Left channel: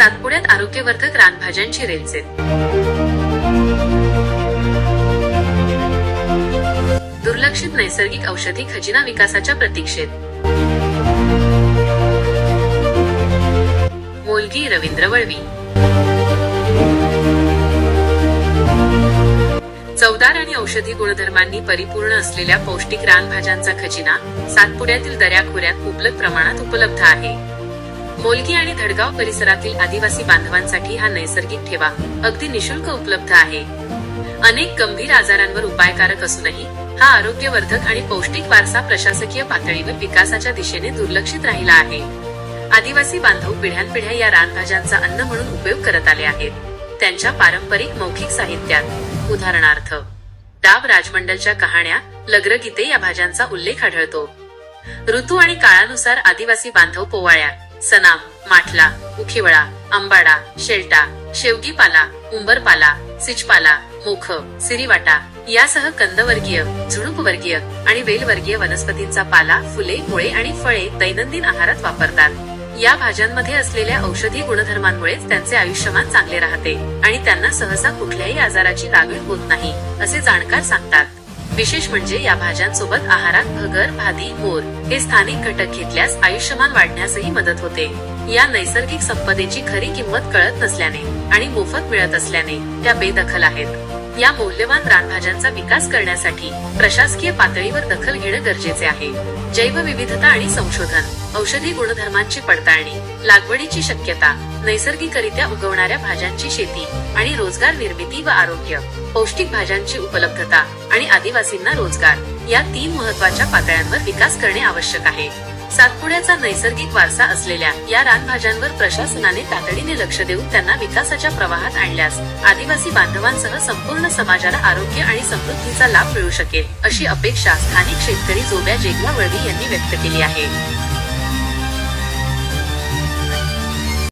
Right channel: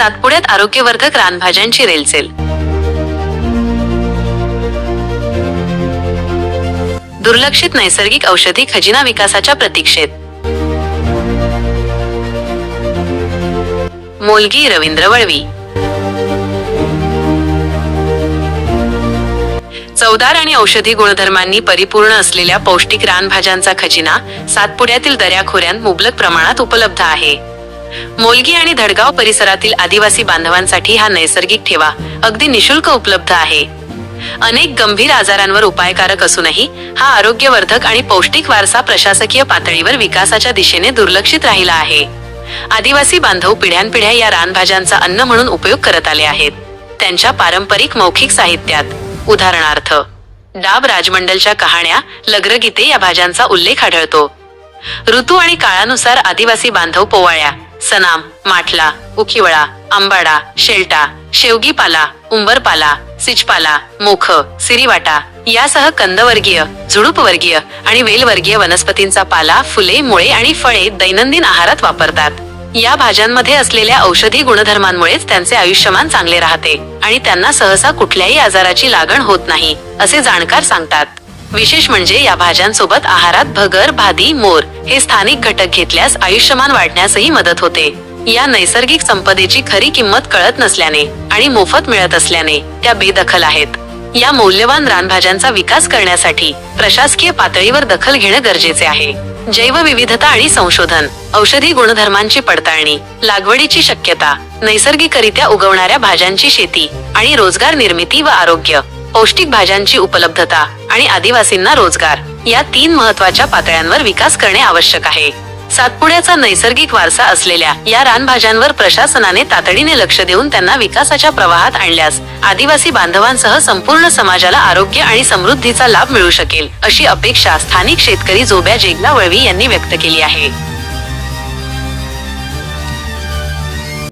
सातपुड्यात आरोग्यवर्धक रानभाज्यांची रेलचेल. दुर्लक्षित नैसर्गिक औषधी खजिना विकासाच्या प्रतीक्षेत. मोलगी रवींद्र वळवी. चवदार आणि औषधी गुणधर्मांनी परिपूर्ण असलेल्या पौष्टिक रानभाज्यांचा खजिना सातपुड्यातील दऱ्याखोऱ्यांत मुबलक प्रमाणात उपलब्ध आहे. मोलगी आणि धडगाव परिसरातील आदिवासी बांधवांसाठी हा नैसर्गिक ठेवा अगदी निशुल्क उपलब्ध आहे. अनेक गंभीर आजारांवर उपायकारक असूनही हा आरोग्यवर्धक आणि पौष्टिक वारसा प्रशासकीय पातळीवर विकासाच्या दिशेने दुर्लक्षित राहिला आहे. आदिवासी बांधव पिढ्यानपिढ्या या रानभाज्यांचा अन्न म्हणून उपयोग करत आले आहेत. त्यांच्या पारंपरिक मौखिक साहित्यात. उदाहरणार्थ डाब राजमंडलच्या कहाण्या लग्रगीते या भाज्यांचा उल्लेख आढळतो. ऋतू आणि काळानुसार आदिवासी बांधव पोवाळ्या सनाम माठला उखिवळा आंबाडा शेलटा शेवगीपाला उंबरपाला सिचपाला मोख सिरीवाटा यासह कंदवर्गीय झुडूपवर्गीय आणि वेलवर्गीय वनस्पतींचा पाला फुले मुळे आणि फळे दैनंदिन आहारात वापरतात. या भाज्यांमध्ये असलेल्या औषधी गुणधर्मांमुळेच त्यांचे आयुष्यमान चांगले राहते आणि त्यांना सहसा कुठल्याही आजाराची लागण होत नाही असे जाणकार सांगतात. विशेष म्हणजे या भाज्यांसोबत आहारात भगर भादी मोर हे स्थानिक घटक घेतल्यास आयुष्यमान वाढण्यासही मदत होते. या नैसर्गिक संपदेची खरी किंमत कळत नसल्याने आणि मोफत मिळत असल्याने त्या बेदखल आहेत. या मौल्यवान रानभाज्यांचा विकास करण्यासाठी प्रशासकीय पातळीवर दखल घेणं गरजेचे आहे. जैवविविधता आणि संशोधन औषधी गुणधर्मांची पडताळणी लागवडीची शक्यता नैसर्गिकरित्या उगवणाऱ्या भाज्यांची शेती आणि रोजगार निर्मिती व आरोग्य पौष्टिक भाज्यांची उपलब्धता आणि आदिवासींना रोजगार या तीन महत्त्वाच्या पातळ्यांवर विकास करणे आवश्यक आहे. सातपुड्याचा नैसर्गिक वारसा असलेल्या या रानभाज्यांवर प्रशासनाने तातडीने लक्ष देऊन त्यांना विकासाच्या प्रवाहात आणल्यास आदिवासी बांधवांसह संपूर्ण समाजाला आरोग्य आणि समृद्धीचा लाभ मिळू शकेल अशी अपेक्षा स्थानिक शेतकरी जोब्या जेगला वळवी यांनी व्यक्त केली आहे.